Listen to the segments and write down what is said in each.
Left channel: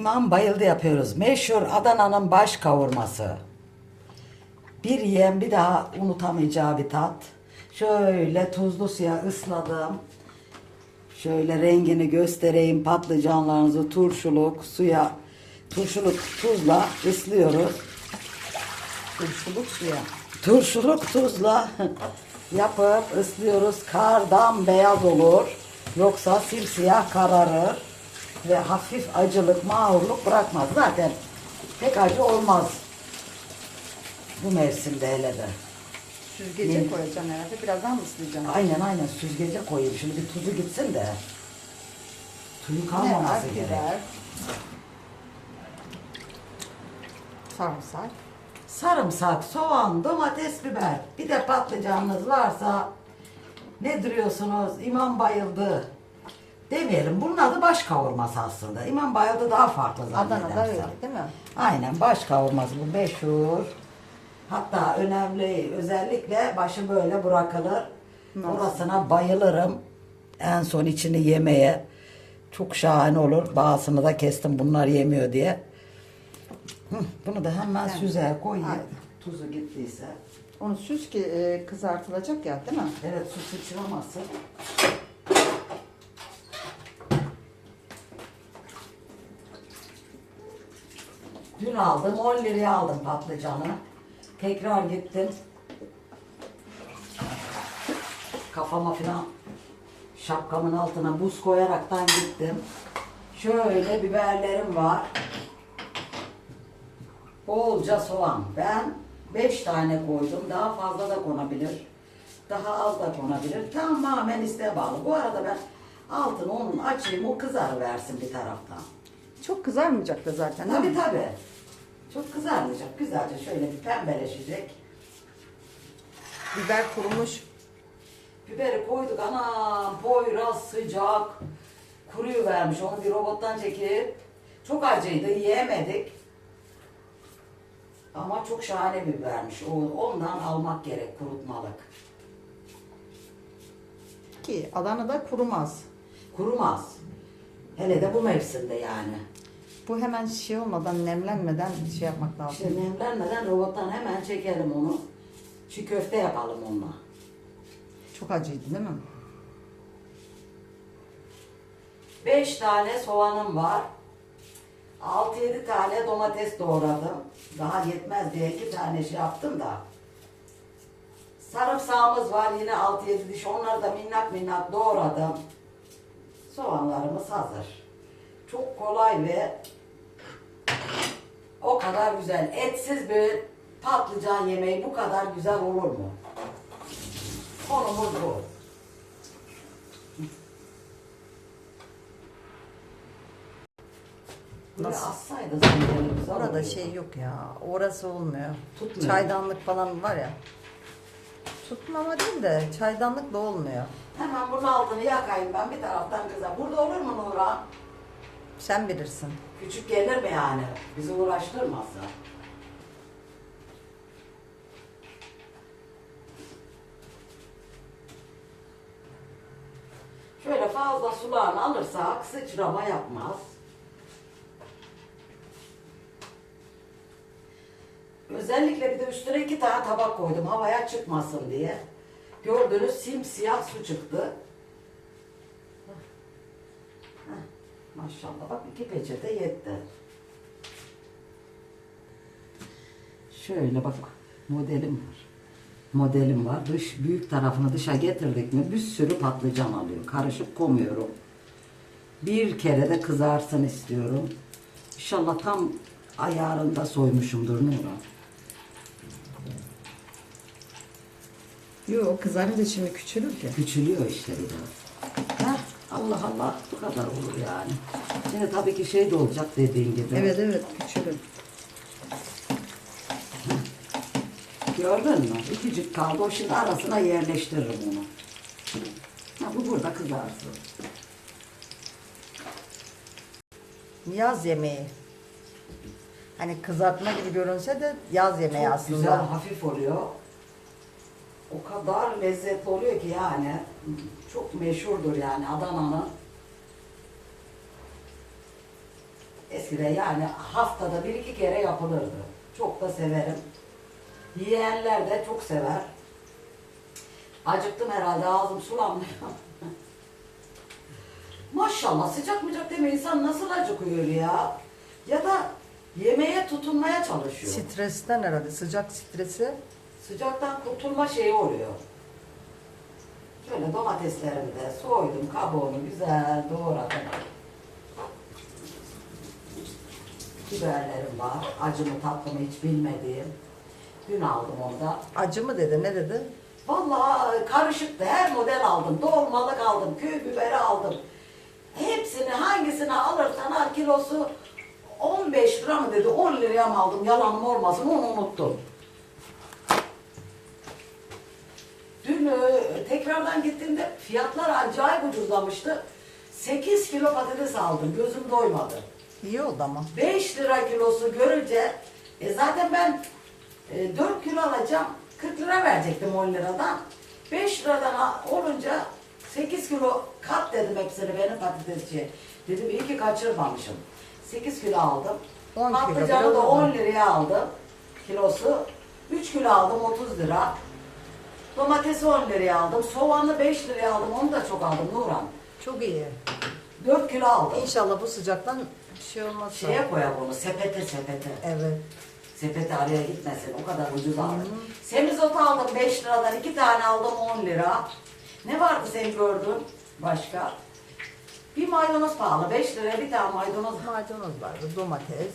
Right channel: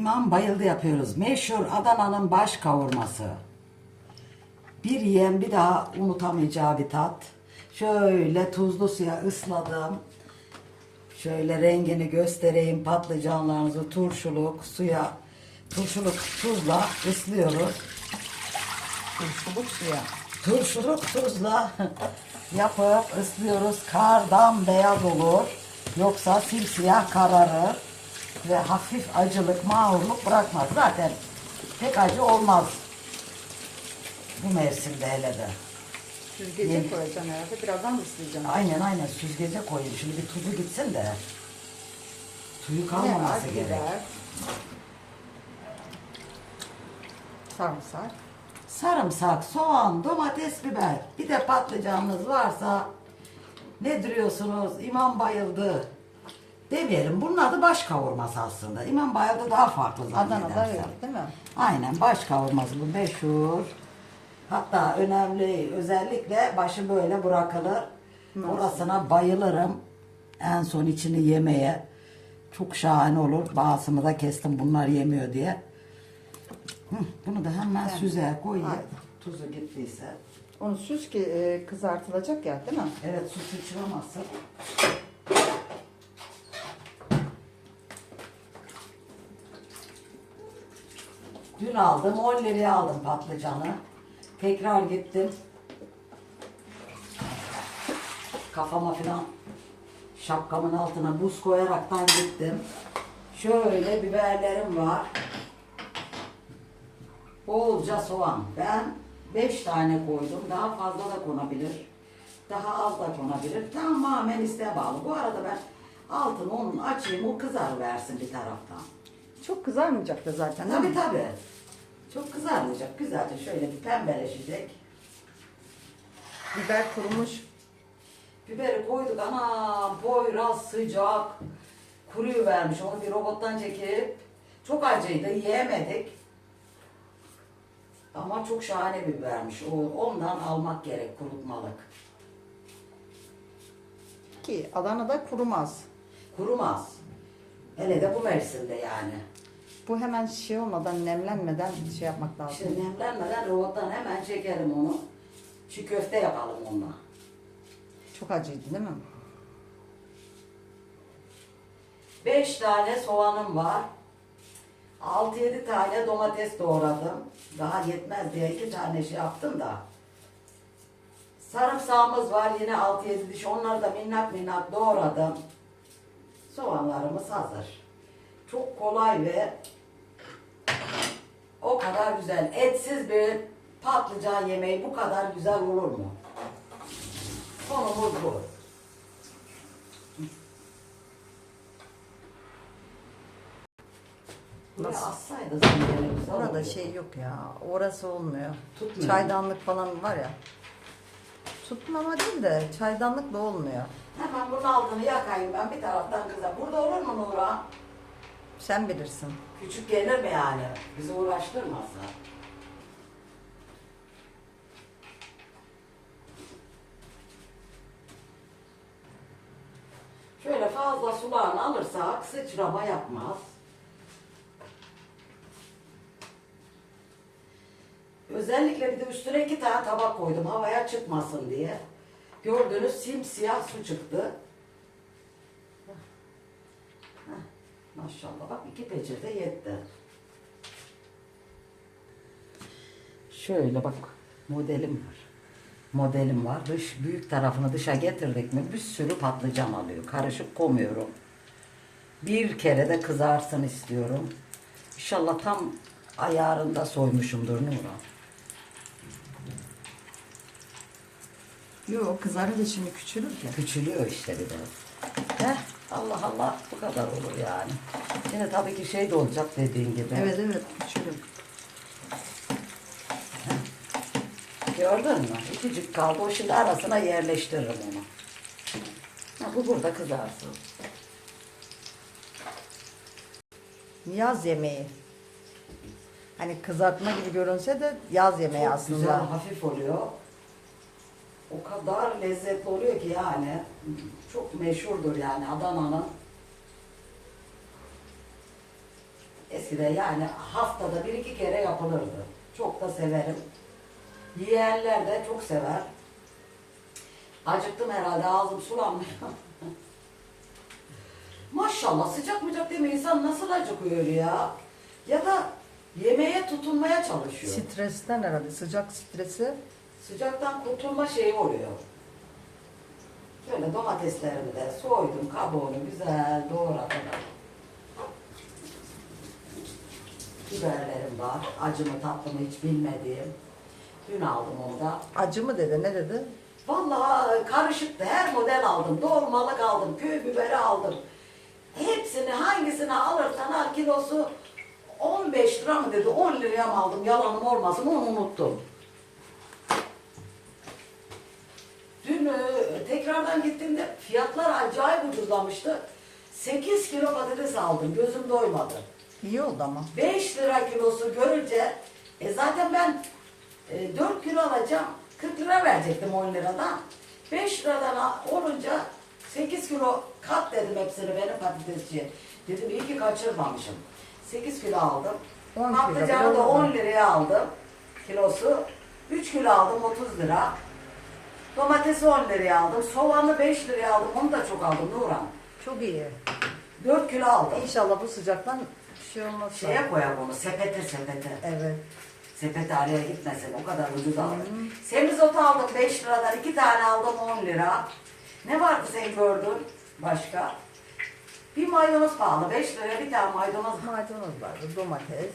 İmam bayıldı yapıyoruz. Meşhur Adana'nın baş kavurması. Bir yiyen bir daha unutamayacağı bir tat. Şöyle tuzlu suya ısladım. Şöyle rengini göstereyim. Patlıcanlarınızı turşuluk suya turşuluk tuzla ıslıyoruz. Turşuluk suya. Turşuluk tuzla yapıp ıslıyoruz. Kardan beyaz olur. Yoksa simsiyah kararır. Ve hafif acılık, mağrurluk bırakmaz. Zaten pek acı olmaz. Bu mevsimde hele de. Süzgece Yeni- koyacağım herhalde. Birazdan mı ıslayacağım? Aynen aynen süzgece koyayım. Şimdi bir tuzu gitsin de. Suyu Ne var? kalmaması gerek. Biber. Sarımsak. Sarımsak, soğan, domates, biber. Bir de patlıcanınız varsa ne duruyorsunuz? İmam bayıldı. Demeyelim. Bunun adı baş kavurması aslında. İmam bayıldı daha farklı Adana'da zannedersem. öyle değil mi? Aynen baş kavurması bu meşhur. Hatta önemli özellikle başı böyle bırakılır. Nasıl? Orasına bayılırım. En son içini yemeye. Çok şahane olur. Bazısını da kestim bunlar yemiyor diye. Hı, bunu da hemen Evet. süze. Aynen. Tuzu gittiyse. Onu süz ki e, kızartılacak ya değil mi? Evet su sıçramasın. Dün aldım 10 liraya aldım patlıcanı. Tekrar gittim. Kafama falan şapkamın altına buz koyaraktan gittim. Şöyle biberlerim var. Bolca soğan. Ben 5 tane koydum. Daha fazla da konabilir. Daha az da konabilir. Tamamen isteğe bağlı. Bu arada ben altını onun açayım. O kızar versin bir taraftan. Çok kızarmayacak da zaten Tabii tabii. Çok kızarmayacak. Güzelce şöyle bir pembeleşecek. Biber kurumuş. Biberi koyduk. Anam boyraz sıcak. Kuruyu vermiş. Onu bir robottan çekip çok acıydı. Yiyemedik. Ama çok şahane bir bibermiş. O, ondan almak gerek kurutmalık. Ki Adana'da kurumaz. Kurumaz. Hele de bu mevsimde yani. Bu hemen şey olmadan, nemlenmeden şey yapmak lazım. Şimdi nemlenmeden robottan hemen çekelim onu. Çiğ köfte yapalım onunla. Çok acıydı değil mi? 5 tane soğanım var. 6-7 tane domates doğradım. Daha yetmez diye 2 tane şey yaptım da. Sarımsağımız var yine 6-7 diş. Onları da minnak minnak doğradım. Soğanlarımız hazır. Çok kolay ve o kadar güzel. Etsiz bir patlıcan yemeği bu kadar güzel olur mu? Konumuz bu. Nasıl? assaydı Orada şey yok ya. Orası olmuyor. Tutmuyor. Çaydanlık falan var ya. Tutmama değil de çaydanlık da olmuyor. Hemen bunun altını yakayım ben bir taraftan kıza. Burada olur mu Nurhan? Sen bilirsin. Küçük gelir mi yani? Bizi uğraştırmasın. Şöyle fazla sulağını alırsak sıçrama yapmaz. Özellikle bir de üstüne iki tane tabak koydum havaya çıkmasın diye. Gördüğünüz simsiyah su çıktı. Maşallah bak iki peçete yetti. Şöyle bak modelim var. Modelim var. Dış büyük tarafını dışa getirdik mi bir sürü patlıcan alıyor. Karışık koymuyorum. Bir kere de kızarsın istiyorum. İnşallah tam ayarında soymuşumdur Nurhan. Yok kızarınca şimdi küçülür ki. Küçülüyor işte bir de. Heh, Allah Allah bu kadar olur yani. Yine tabii ki şey de olacak dediğin gibi. Evet evet küçülür. Gördün mü? İkicik kaldı. O şimdi arasına yerleştiririm onu. Ya bu burada kızarsın. Yaz yemeği. Hani kızartma gibi görünse de yaz yemeği Çok aslında. güzel, hafif oluyor. O kadar lezzetli oluyor ki yani. Çok meşhurdur yani Adana'nın. Eski eskiden yani haftada bir iki kere yapılırdı. Çok da severim. Yiyenler de çok sever. Acıktım herhalde ağzım sulanmıyor. Maşallah sıcak mıcak deme insan nasıl acıkıyor ya. Ya da yemeğe tutunmaya çalışıyor. Stresten herhalde sıcak stresi. Sıcaktan kurtulma şeyi oluyor. Şöyle domateslerimi de soydum, kabuğunu güzel doğradım. Biberlerim var. Acımı tatlımı hiç bilmediğim. Dün aldım onu da. Acı mı dedi ne dedi? Vallahi karışıktı. Her model aldım. Dolmalık aldım. Köy biberi aldım. Hepsini hangisini alırsan al kilosu 15 lira mı dedi. 10 liraya mı aldım? Yalanım olmasın onu unuttum. Dün e, tekrardan gittiğimde fiyatlar acayip ucuzlamıştı. 8 kilo patates aldım. Gözüm doymadı. İyi oldu ama. 5 lira kilosu görünce e zaten ben e, 4 kilo alacağım 40 lira verecektim 10 liradan 5 liradan olunca 8 kilo kat dedim hepsini benim patatesçiye dedim iyi ki kaçırmamışım 8 kilo aldım 10 kilo, patlıcanı da oldu. 10 liraya aldım kilosu 3 kilo aldım 30 lira domatesi 10 liraya aldım soğanı 5 liraya aldım onu da çok aldım Nurhan Çok iyi. 4 kilo aldım İnşallah bu sıcaktan bir şey olmaz. şeye koyalım onu sepete sepete Evet. Sepet araya gitmesin. O kadar ucuz aldım. Semizotu aldım 5 liradan. iki tane aldım 10 lira. Ne vardı sen gördün başka? Bir maydanoz pahalı. 5 liraya bir tane maydanoz. Maydanoz vardı, domates.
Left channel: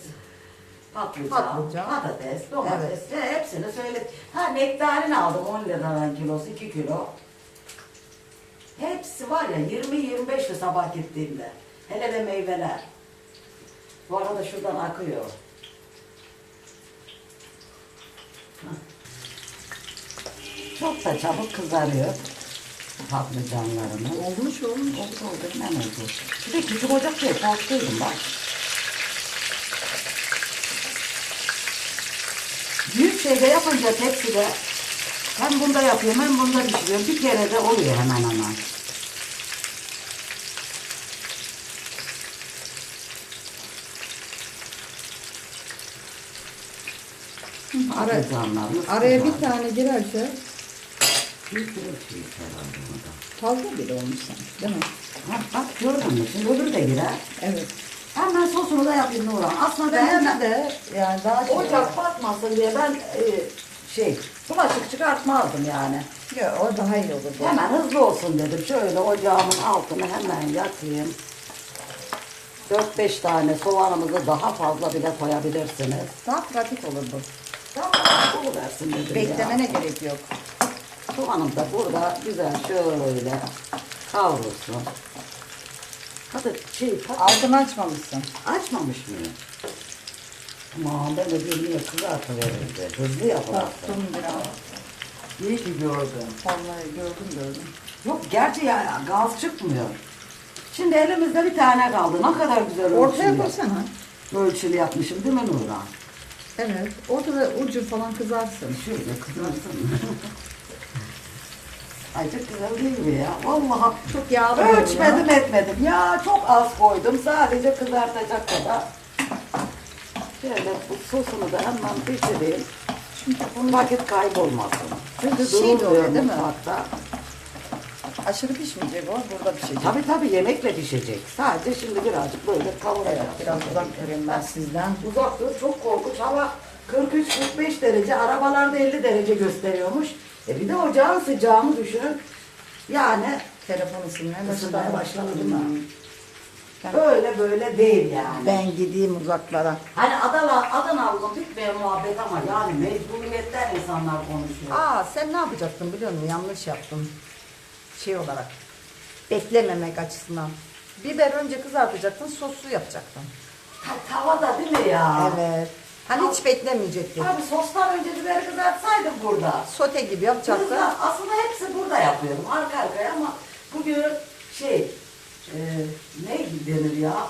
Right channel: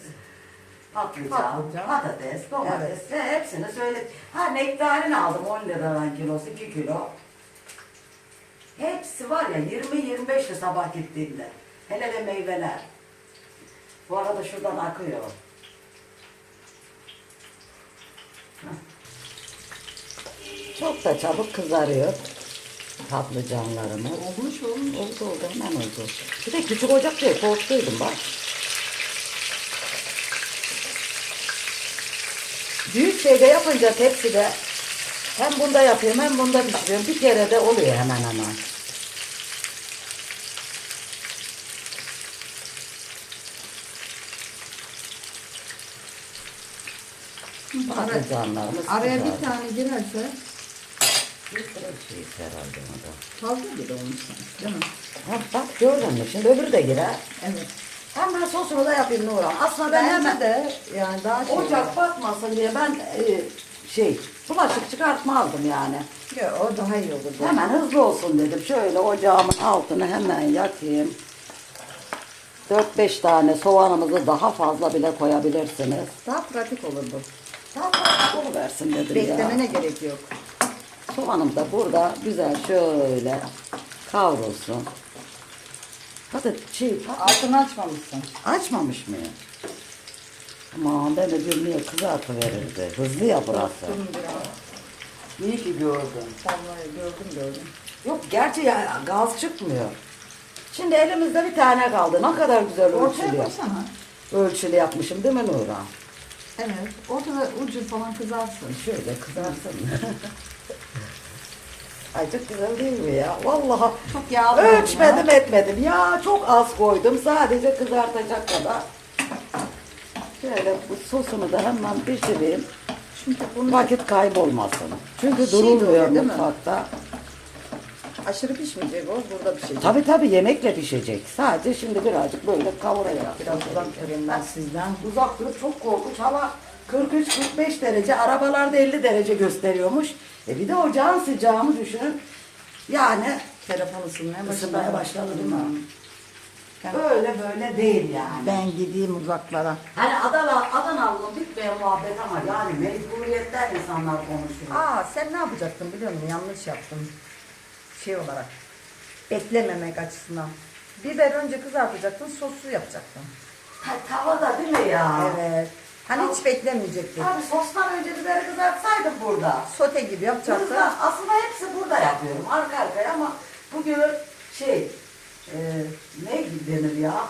Patlıcan, Patlıcan. patates, domates ve hepsini söyle. Ha nektarin aldım 10 liradan kilosu 2 kilo. Hepsi var ya 20-25'ti sabah gittiğimde. Hele de meyveler. Bu arada şuradan akıyor. Çok da çabuk kızarıyor patlıcanlarımız. Olmuş oğlum. Oldu oldu hemen oldu. Bir de küçük ocak şey korktuydum bak. Şeyde yapınca tepside hem bunda yapıyorum hem bunda pişiriyorum. Bir kere de oluyor hemen hemen. Patlıcanlarımız Araya bir tane girerse fazla bile olmuş sanki, değil mi? Ha, bak mü? Şimdi öbürü de girer. Evet. Hemen sosunu da yapayım Nurhan. Aslında ben hemen de yani daha şey. ocak batmasın diye ben e, şey bulaşık çıkartmazdım yani. Ya, o daha iyi olur. bu. Hemen hızlı olsun dedim. Şöyle ocağımın altına hemen yakayım. 4-5 tane soğanımızı daha fazla bile koyabilirsiniz. Daha pratik olur bu. Tam versin dedim Beklemene ya. gerek yok. Soğanım da burada güzel şöyle kavrulsun. Hadi şey, Altını açmamışsın. açmamış mı? Aman ben niye kızartıverirdi. Hızlı yapılırsa. Korktum biraz. İyi ki gördüm. Vallahi gördüm gördüm. Yok gerçi ya gaz çıkmıyor. Şimdi elimizde bir tane kaldı. Ne kadar güzel Ortaya ölçülü. koysana. Ölçülü yapmışım değil mi Nurhan? Evet. Ortada ucu falan kızarsın. Şöyle kızarsın. Çok güzel değil mi ya? Vallahi Çok yağlı oldu ölçmedim etmedim. Ya çok az koydum. Sadece kızartacak kadar. Şöyle bu sosunu da hemen pişireyim. Çünkü bunu Vakit kaybolmasın. Çünkü Şey de oluyor, durulmuyor değil mi? mutfakta. aşırı pişmeyecek o. Burada pişecek. Tabii tabii yemekle pişecek. Sadece şimdi birazcık böyle kavuracağız. Evet biraz uzak durayım ben sizden. Uzak dur çok korkunç hava 43-45 derece arabalarda 50 derece gösteriyormuş. E bir de ocağın sıcağını düşünün. Yani Telefon ısınmaya başladı. Isınmaya başladı mi? Hmm. Ben, böyle böyle değil yani. ben gideyim uzaklara. Hani Adana, Adanalı'nın bitmeyen muhabbet ama yani mecburiyetten insanlar konuşuyor. Aa sen ne yapacaktın biliyor musun? Yanlış yaptın. Şey olarak. Beklememek açısından. Biber önce kızartacaktın, soslu yapacaktın. Ha, tavada değil mi ya? Evet. Hani hiç beklemeyecektin. Abi sostan önce biberi kızartsaydım burada. Sote gibi yapacaktın. Hızla, aslında hepsi burada yapıyorum arka arkaya ama bugün şey e, ne denir ya?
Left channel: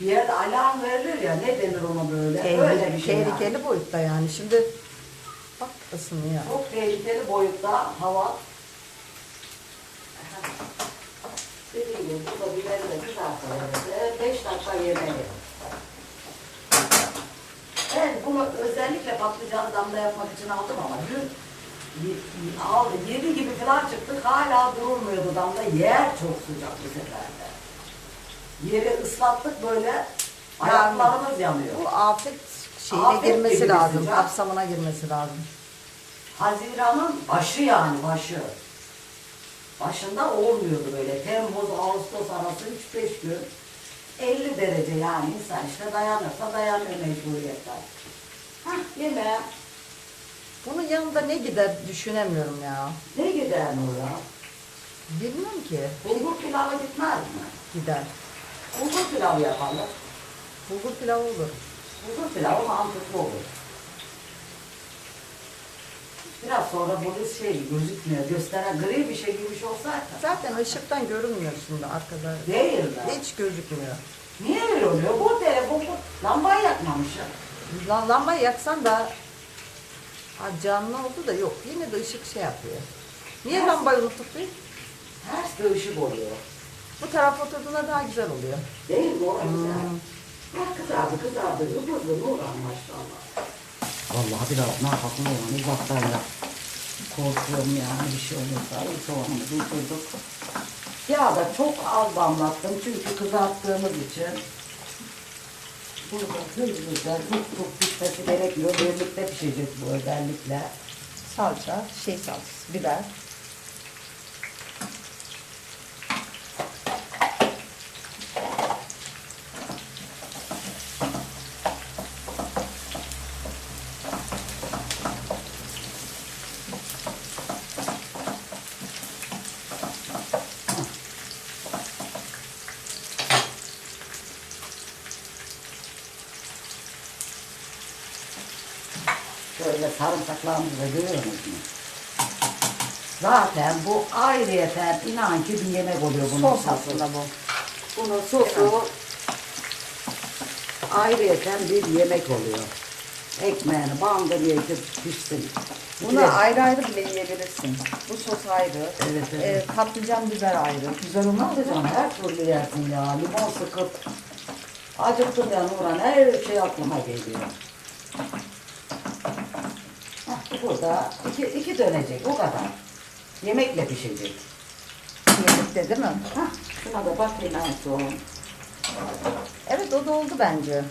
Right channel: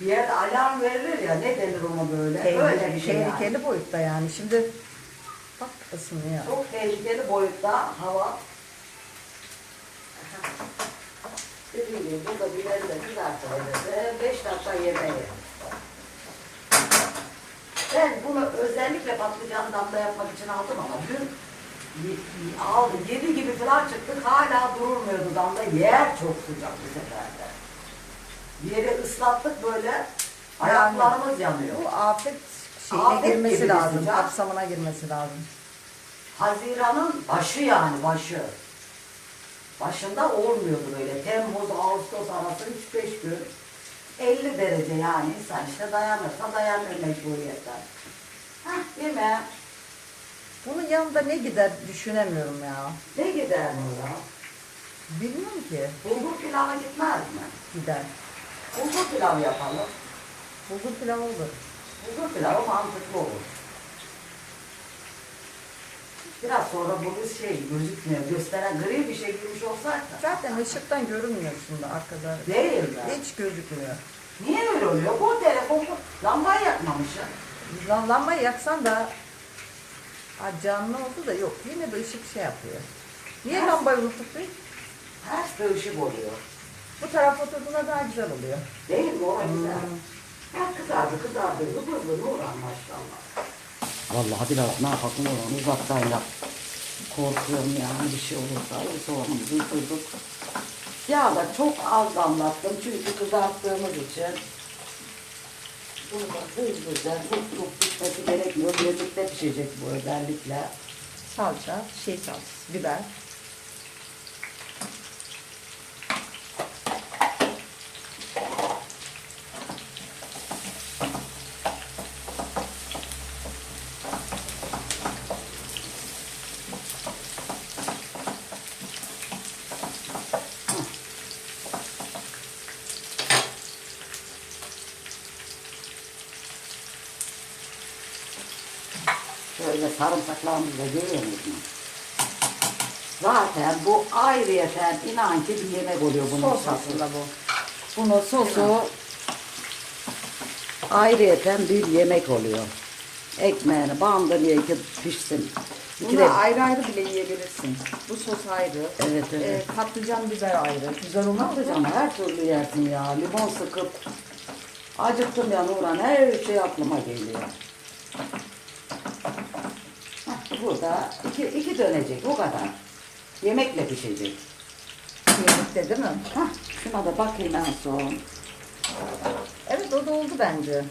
Bir yerde alarm verilir ya ne denir ona böyle? Öyle Tehlikeli, bir şey yani. tehlikeli boyutta yani. Şimdi bak ısınıyor. Çok tehlikeli boyutta hava. Dediğim gibi burada biberi de kızartıverdi. 5 dakika yemeği. Ben bunu özellikle patlıcanı damda yapmak için aldım ama dün aldı. Yedi gibi falan çıktık. Hala durulmuyordu damda. Yer çok sıcak bu sefer de. Yeri ıslattık böyle. Ayaklarımız yanıyor. Bu afet şeyine Afet girmesi lazım. sıcak. Kapsamına girmesi lazım. Haziran'ın başı yani başı. Başında olmuyordu böyle. Temmuz, Ağustos arası 3-5 gün. 50 derece yani insan işte dayanırsa dayanır mecburiyetten. Hah yeme. Bunun yanında ne gider düşünemiyorum ya. Ne gider Nur'a? Bilmiyorum ki. Bulgur pilavı gitmez mi? Gider. Bulgur pilavı yapalım. Bulgur pilavı olur. Bulgur pilavı mantıklı olur. Biraz sonra bu şey gözükmüyor. Gösteren gri bir şey girmiş olsaydı. Zaten ışıktan görünmüyorsun da arkada. Değil mi? Hiç gözükmüyor. Niye öyle oluyor? Bu telefon bu lambayı yakmamışım. Lan lambayı yaksan da ha, canlı oldu da yok. Yine de ışık şey yapıyor. Niye Ters. lambayı unuttuk biz? Ters de ışık oluyor. Bu tarafa oturduğunda daha güzel oluyor. Değil mi? O güzel. Hmm. Ya kızardı kızardı. Hızlı hızlı Nurhan maşallah. Vallahi biraz ne yapalım uzaktan da korkuyorum yani bir şey olursa soğanımızı kırdık. Ya da çok az damlattım çünkü kızarttığımız için burada hızlıca hızlı pişmesi gerekmiyor. Birlikte pişecek bu özellikle. Salça, şey salçası, biber. Şöyle sarımsaklarımızı da görüyor musunuz? Zaten bu ayrıyeten inan ki bir yemek oluyor bunun Sos sosu. aslında bu. Bunun sosu ayrıyeten bir yemek oluyor. Ekmeğini bandırıyor ki pişsin. Bunu ayrı ayrı bile yiyebilirsin. Bu sos ayrı. Evet, evet. Ee, patlıcan biber ayrı. Güzel olmaz mı? Patlıcan her türlü yersin ya. Limon sıkıp acıktım ya Nurhan. Her şey aklıma geliyor. Burada iki, iki dönecek o kadar. Yemekle pişecek. Yemekte değil mi? Heh, şuna da bakayım en son. Evet o da oldu bence.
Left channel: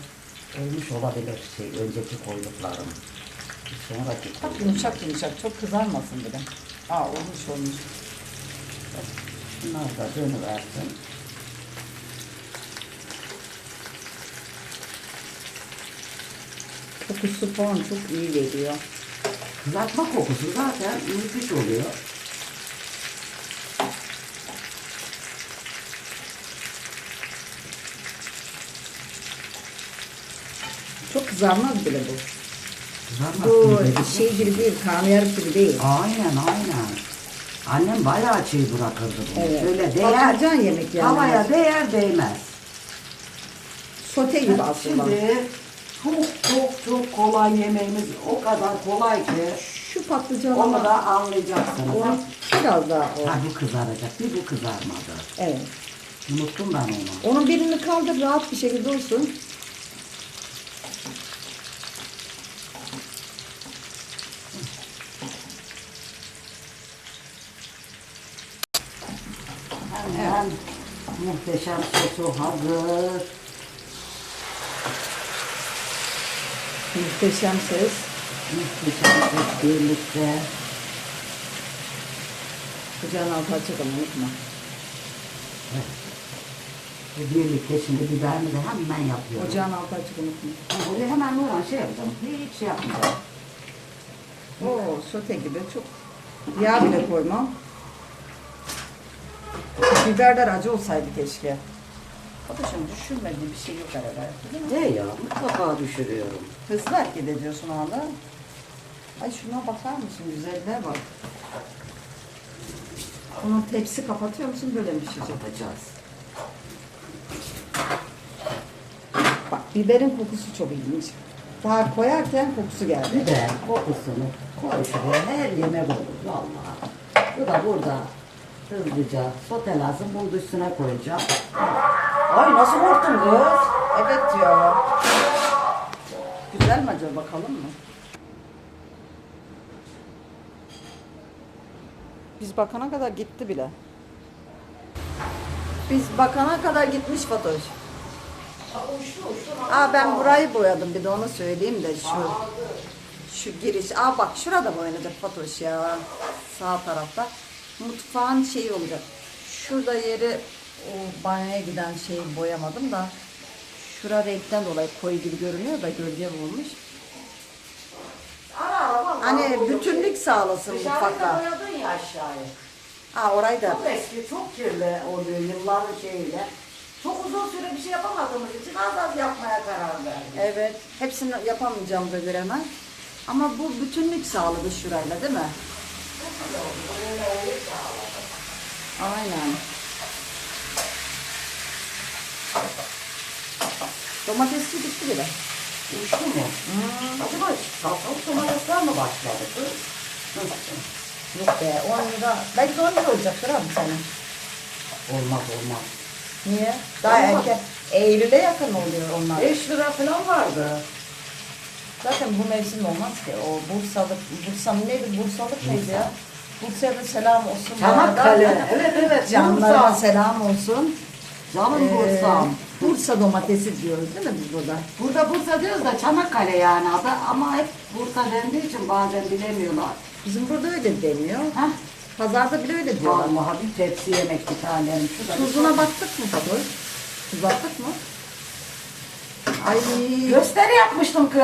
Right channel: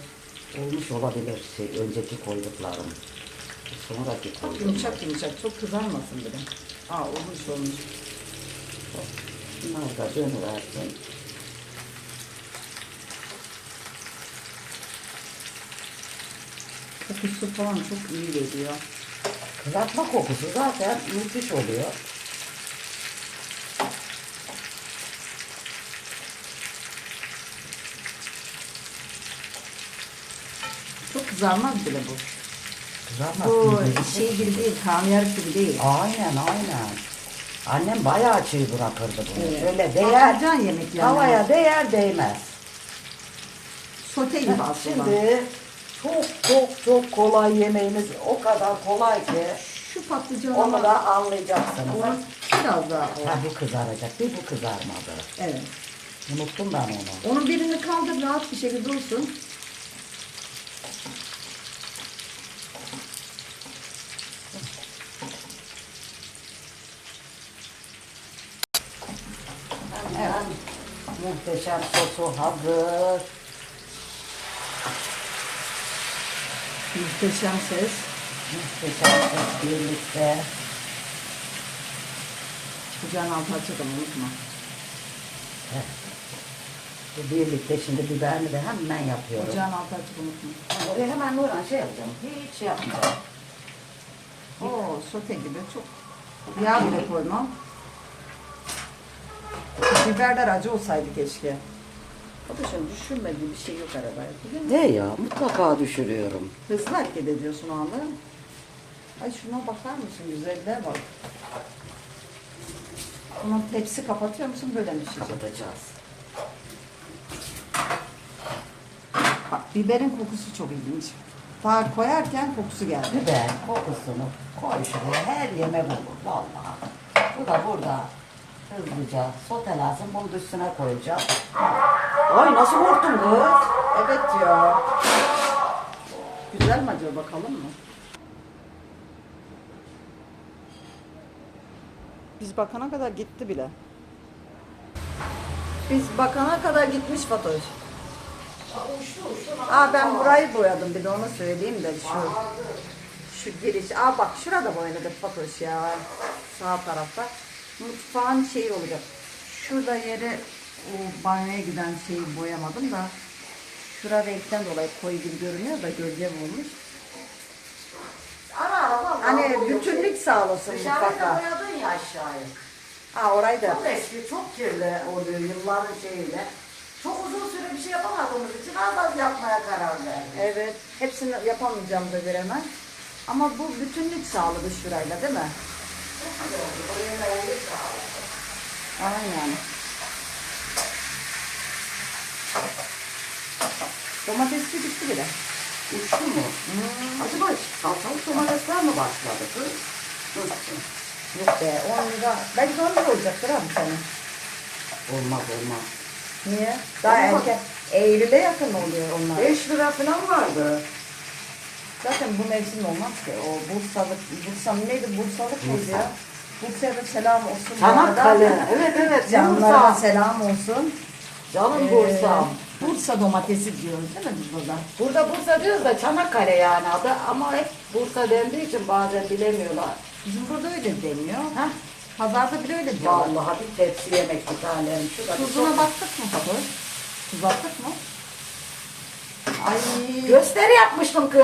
Ölmüş olabilir şey, önceki koyduklarım. Sonraki Çok koyduklarım. yumuşak yumuşak. Çok kızarmasın bile. Aa olmuş olmuş. Bunlar da dönüversin. Kokusu falan çok iyi geliyor. Kızartma kokusu zaten müthiş oluyor. Çok kızarmaz bile bu. Kızartma Bu şey gibi değil, karnıyarık gibi değil. Aynen aynen. Annem bayağı çiğ bırakırdı bunu. Evet. Şöyle değer, Patlıcan yemek yani. havaya değer değmez. Sote gibi aslında. Şimdi çok çok çok kolay yemeğimiz o kadar kolay ki Şu patlıcanı onu da anlayacaksınız. onu biraz daha o. Ha, bu kızaracak bir bu kızarmadı. Evet. Unuttum ben onu. Onun birini kaldır rahat bir şekilde olsun. Hemen muhteşem sosu hazır. Muhteşem ses. Muhteşem sos birlikte. Kucağın altı açalım unutma. Bu Birlikte şimdi biberini de hemen yapıyorum. Ocağın altı açık unutma. Ha, Oraya hemen vuran şey yapacağım. Hiç şey yapmayacağım. Oo sote gibi çok. Yağ bile koymam. Biberler acı olsaydı keşke. Şimdi düşürmediği bir şey yok arabaya. Değil mi? Ne ya? Mutlaka düşürüyorum. Hızlı hareket ediyorsun anda. Ay şuna bakar mısın? Güzelliğe bak. Bunun tepsi kapatıyor musun? Böyle mi pişecek? Kapatacağız. Bak biberin kokusu çok ilginç. Daha koyarken kokusu geldi. Biber kokusunu koy şuraya. Her yemek olur vallahi. Bu da burada Hızlıca sotelensin. Bunu da üstüne koyacağım. Ay nasıl korktun kız? Evet ya. Güzel mi acaba bakalım mı? Biz bakana kadar gitti bile. Biz bakana kadar gitmiş Fatoş. Aa ben burayı boyadım bir de onu söyleyeyim de şu şu giriş. Aa bak şurada boyadık Fatoş ya. Sağ tarafta. Mutfağın şeyi olacak. Şurada yeri o banyoya giden şeyi boyamadım da şura renkten dolayı koyu gibi görünüyor da gölge vurmuş. Ara ara Hani bütünlük sağlasın Dışarıda mutfakta. boyadın ya aşağıya. Ha orayı da. Çok eski, çok kirli oluyor yılların şeyiyle. Çok uzun süre bir şey yapamadığımız için az az yapmaya karar verdik. Evet. Hepsini yapamayacağımıza göre hemen. Ama bu bütünlük sağladı şurayla değil mi? Aynen. Domatesçi bitti bile. Uçtu mu? Acaba salçalık domatesler mi başladı? Nasıl? Yok be 10 lira. Belki 10 lira olacaktır abi senin. Olmaz olmaz. Niye? Daha Olmaz. erken. Eylül'e yakın oluyor onlar. 5 lira falan vardı. Zaten bu mevsim olmaz ki. O Bursalık, Bursa neydi? Bursalık neydi ya? Bursa'ya da selam olsun. Çanakkale. Evet evet. Canlarıma Bursa. selam olsun. Canım Ee, Bursa'm. Bursa domatesi diyoruz değil mi biz burada? Burada Bursa diyoruz da Çanakkale yani adı ama hep Bursa dendiği için bazen bilemiyorlar. Bizim burada öyle deniyor. Heh. Pazarda bile öyle diyorlar. Vallahi bir tepsi yemek bir tanem. Şurada bir Tuzuna baktık mı Fatoş? Tuz attık mı? Ay. Gösteri yapmıştım kız.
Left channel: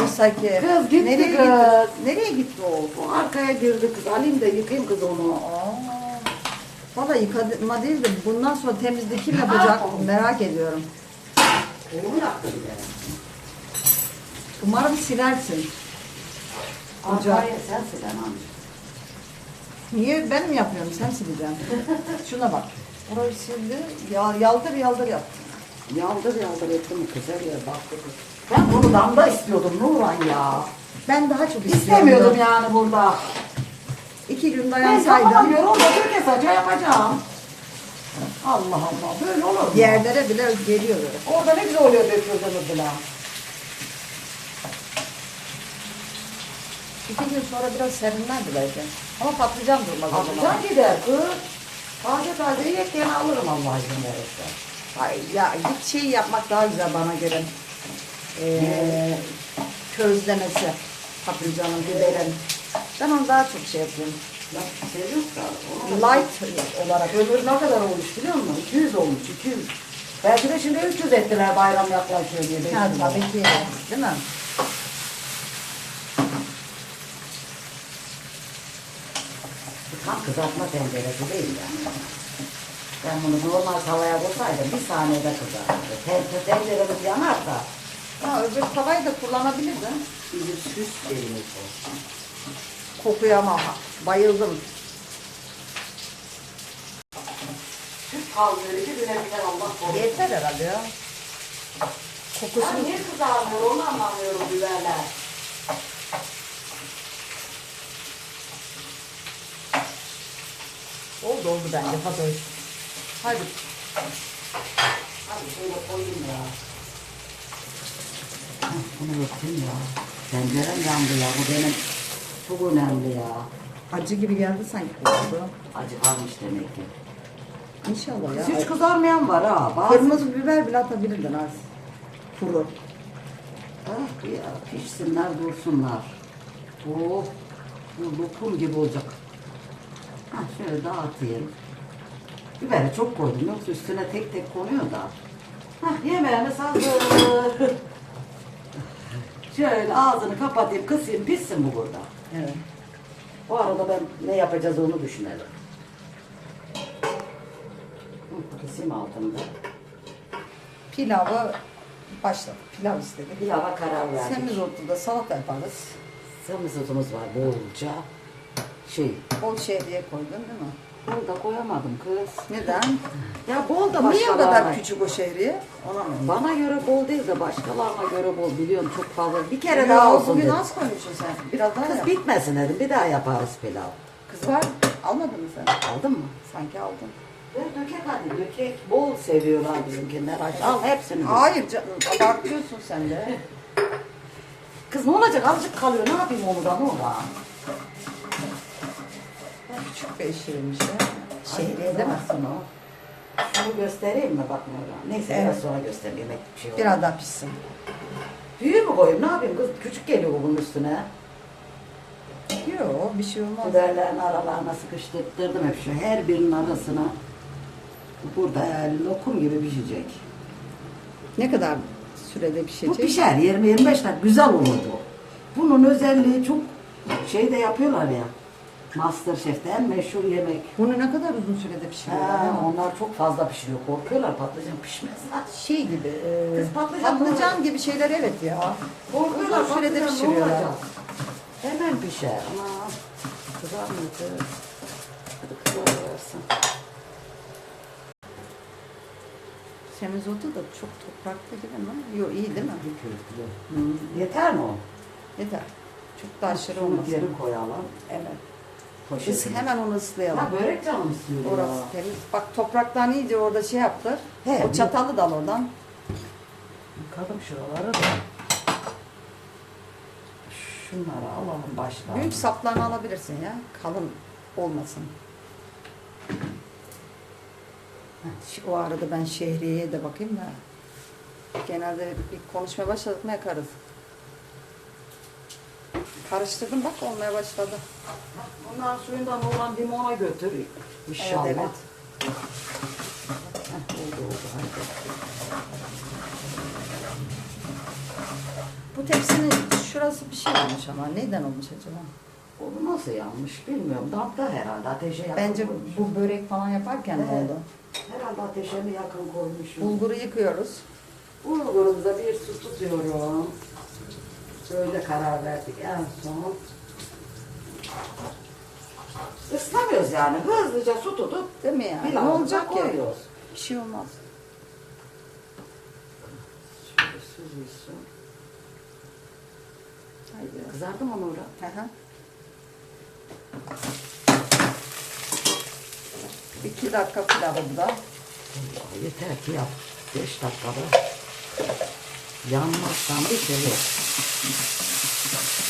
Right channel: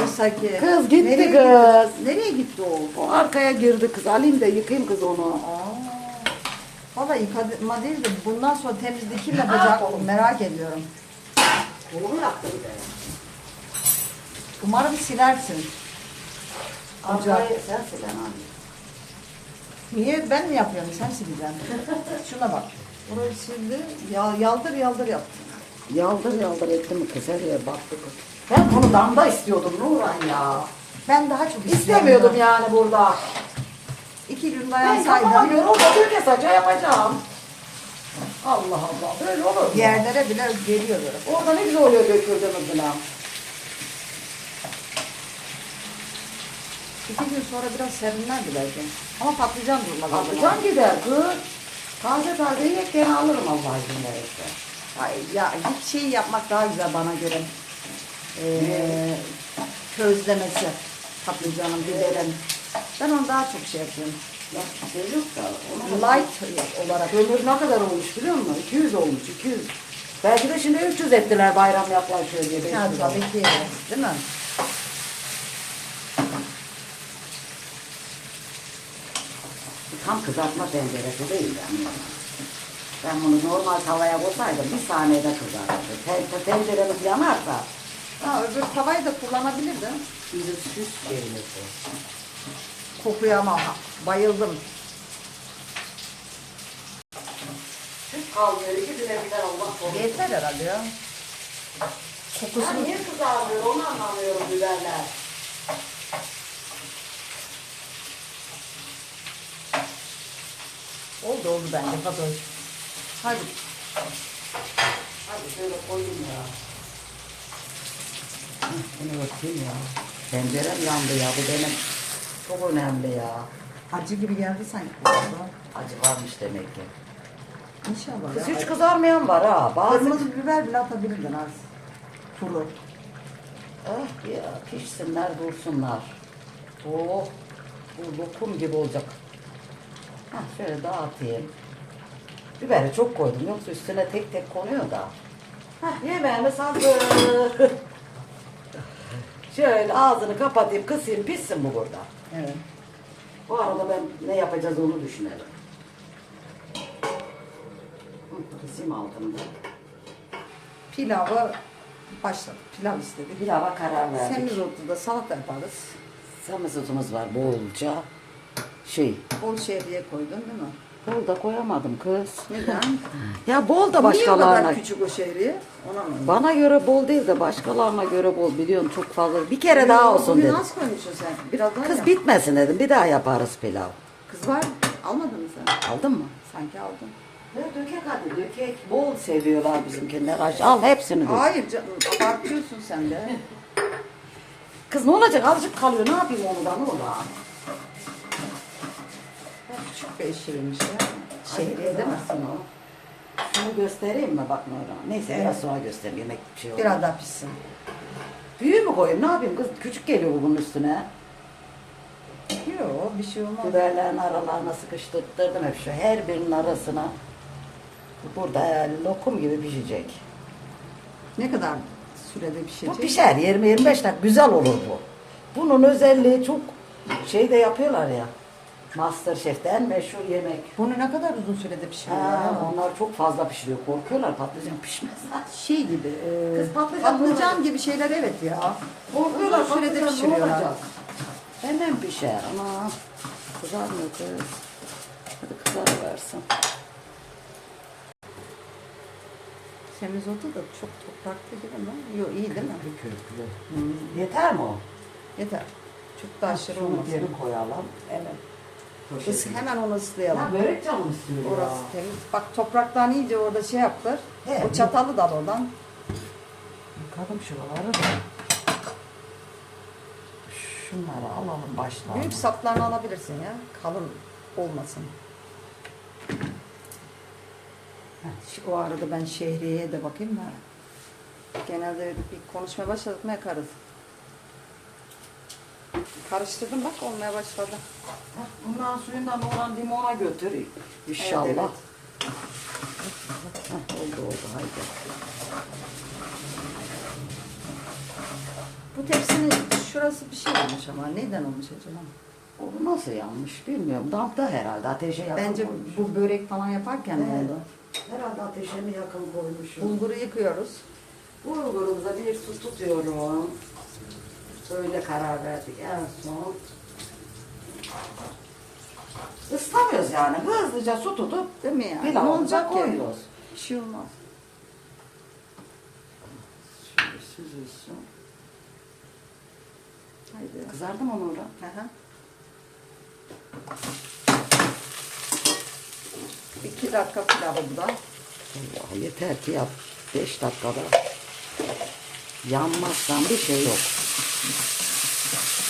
Oysa ki. Kız gitti Nereye kız. gitti? Nereye gitti o? O arkaya girdi kız. Alayım da yıkayayım kız onu. Aa. Valla yıkama değil de bundan sonra temizliği kim yapacak merak ediyorum. Yaptım de. Umarım silersin. Ocak. Arkaya sen silemem. Niye ben mi yapıyorum sen sileceksin. Şuna bak. Orayı sildi. Ya, yaldır yaldır yaptı. Yaldır yaldır etti mi kız her yer baktı kız. Ben bunu damda istiyordum Nurhan ya. Ben daha çok İstemiyordum yani burada. İki gün Ben dayansaydım yapamıyorum da bir kesaca yapacağım. Allah Allah böyle olur mu? yerlere bile geliyor böyle. Orada ne güzel oluyor döküldüğümüz falan. İki gün sonra biraz serinlerdi belki. Ama patlıcan durmaz o zaman. Patlıcan gider kız. Taze taze yekken alırım Allah izin verirse. Ay, ya hiç şey yapmak daha güzel bana göre. Ee, közlemesi. Patlıcanın, biberin. Ben onu daha çok şey yapıyorum. Bak Light olarak. Kömür ne kadar olmuş biliyor musun? 200 olmuş 200. Belki de şimdi 300 ettiler bayram yaklaşıyor diye. Ha, tabii ki. Değil mi? Tam kızartma tenceresi değil yani. Ben bunu normal tavaya koysaydım bir saniyede kızartırdı. Ten, tenceremiz yanarsa Ha, öbür tavayı da kullanabilirdin. bizim süs şeyimiz o. Kokuya ama bayıldım. Süs kalmıyor ki birebirden Allah korusun. Yeter herhalde ya. Kokusu Ya niye kızartıyor onu anlamıyorum biberler. oldu oldu bence Fatoş. Hadi. Hadi şöyle koyayım ya. Bunu yapayım ya. Tencerem yandı ya bu benim çok önemli ya. Acı gibi geldi sanki kokusu. Acı kalmış demek ki. İnşallah ya. hiç kızarmayan var ha. Bazı... Kırmızı biber bile atabilirdin az. Kuru. Oh ya pişsinler dursunlar. Oh bu lokum gibi olacak. Ha şöyle dağıtayım. Biberi çok koydum yoksa üstüne tek tek konuyor da. Hah yemeğimiz hazır. şöyle ağzını kapatayım kısayım pişsin bu burada. Evet. Bu arada ben ne yapacağız onu düşünelim. Kısayım altında. Pilavı başladı. Pilav istedik. Pilava karar verdik. Semizotu salata yaparız. Samizotumuz var bolca. Şey, Bol şehriye koydun değil mi? Bol da koyamadım kız. Neden? Ya bol da Niye o başkalarına. kadar küçük o şehriye? Ona mı? Bana göre bol değil de başkalarına göre bol biliyorsun çok fazla. Bir kere daha olsun Bugün dedim. az koymuşsun sen. Biraz daha Kız yap. bitmesin dedim. Bir daha yaparız pilav. Kız var. Almadın mı sen? Aldın mı? Sanki aldın. Ve dökek hadi dökek. Bol seviyorlar bizimkiler. Aç, Al hepsini. dök. Hayır canım abartıyorsun sen de. Kız ne olacak azıcık kalıyor. Ne yapayım onu da ne? Küçük bir ya. Şehriye değil mi? Baksana. Şunu göstereyim mi bak Nurhan? Neyse Evet. biraz sonra göstereyim. Yemek bir şey olur. Biraz daha pişsin. Büyüğü mü koyayım? Ne yapayım kız? Küçük geliyor bunun üstüne. Yok bir şey olmaz. Biberlerin aralarına sıkıştırdım hep şu. Her birinin arasına. Burada yani lokum gibi pişecek. Ne kadar sürede Bu pişecek? pişer 20-25 dakika. Güzel olur bu. Bunun özelliği çok şey de yapıyorlar ya. Masterchef'ten meşhur yemek. Bunu ne kadar uzun sürede pişiriyorlar? Ha, ha? onlar çok fazla pişiriyor. Korkuyorlar patlıcan pişmez. Şey gibi, e, Kız patlıcan patlıcan gibi şeyler evet ya. Korkuyorlar Uzun sürede pişiriyorlar. Hemen pişer ama kızarmayacağız. Kızarıversin. Semizotu da çok topraklı gibi mi? Yok iyi değil mi? Bir kürklü. Yeter mi o? Yeter. Çok da aşırı olmasın. geri koyalım. Evet. Poşetine. Is, hemen onu ıslayalım. Ha, börek canım istiyor Orası ya. temiz. Bak topraktan iyice orada şey yaptır. He, o çatalı dal oradan. Yıkadım şuraları da. Şunları alalım baştan. Büyük saplarını alabilirsin ya. Kalın olmasın. Şu- O arada ben şehriyeye de bakayım da. Genelde bir konuşmaya başladık mı yakarız. Karıştırdım bak olmaya başladı. Bundan suyundan olan limona götür inşallah. Evet, evet. Heh, oldu oldu haydi. Bu tepsinin şurası bir şey olmuş ama neden olmuş acaba? O nasıl yanmış bilmiyorum. Dampta herhalde ateşe yakın Bence koymuş. bu börek falan yaparken Evet. oldu. Herhalde ateşe mi yakın koymuşum. Bulguru yıkıyoruz. Bulgurumuza bir su tutuyorum. Böyle karar verdik en son. Islamıyoruz yani. Hızlıca su tutup Değil mi yani? Ne pilavımıza olacak ki? koyuyoruz. Bir şey olmaz. Şöyle süzülsün. Haydi. Kızardı mı Nurhan? Hı hı. İki dakika pilavı bu da. Yeter ki yap. Beş dakikada. Yanmazsan bir şey yok.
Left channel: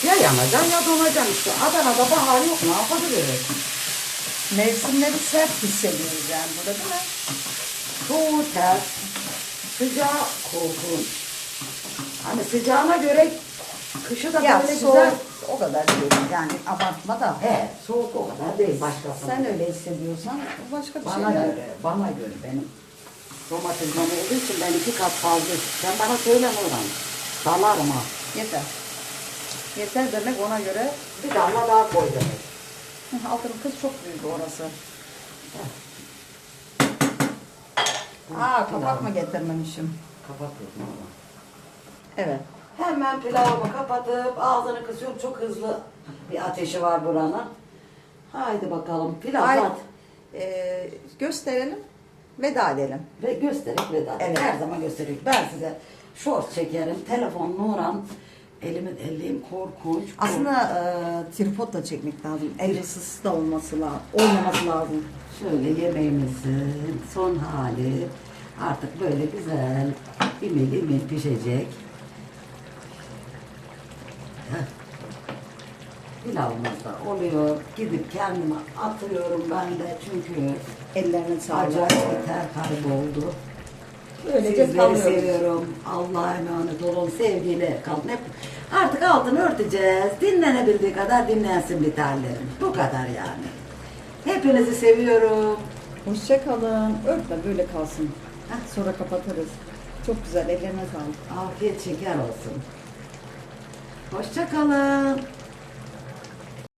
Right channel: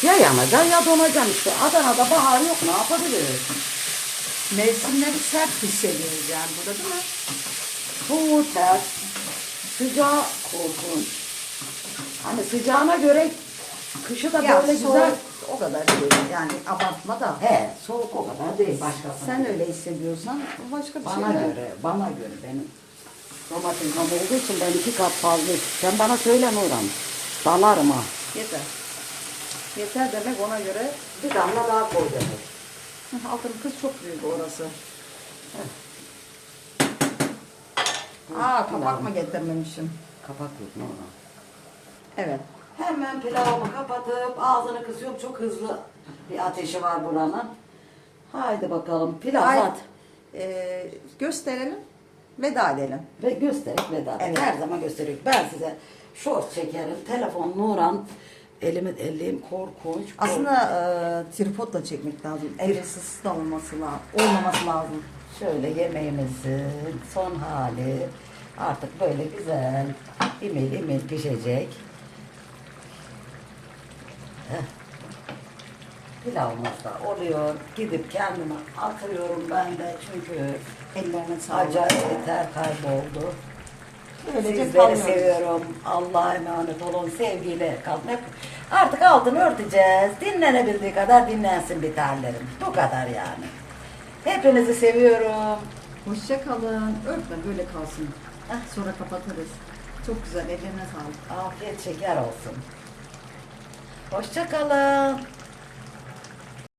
Ya yanacak ya donacak işte. Adana'da bahar yok ne yapabiliriz? Mevsimleri sert hissediyoruz yani burada değil mi? Soğuk ters. Sıcağı korkunç. Hani sıcağına göre kışı da Ya böyle soğuk güzel. o kadar değil yani abartma da. He soğuk o kadar değil başkası. Sen öyle hissediyorsan o başka bir şey Bana değil. göre, bana göre benim domatesim olduğu için ben iki kat fazla. Sen bana söyle Muğran. Dalarım ha. Yeter. Yeter demek ona göre Bir damla daha koy demek. Altın kız çok büyük orası. Aa kapak mı getirmemişim? Kapat yok Muğran. Evet. Hemen pilavımı kapatıp ağzını kısıyorum. Çok hızlı bir ateşi var buranın. Haydi bakalım pilav Ay, at. e, gösterelim. Veda edelim. Ve gösterip veda. Evet. Her zaman gösteriyor. Ben size short çekerim. Telefon Nuran. Elimi elliğim korkunç. Aslında e, tripodla çekmek lazım. El ısısı da olması lazım. Olmaması lazım. Şöyle yemeğimizin son hali. Artık böyle güzel imil imil pişecek. Pilavımız da oluyor. Gidip kendime atıyorum ben de çünkü Ellerine sağlık. acayip ter kayboldu. Böylece Sizleri kalmıyoruz. seviyorum. Allah'a emanet olun. Sevgiyle kalın. Hep artık altını örteceğiz. Dinlenebildiği kadar dinlensin bir. Bu kadar yani. Hepinizi seviyorum. Hoşça kalın. Örtme böyle kalsın. Sonra kapatırız. Çok güzel. Ellerine sağlık. Afiyet şeker olsun. Hoşça kalın.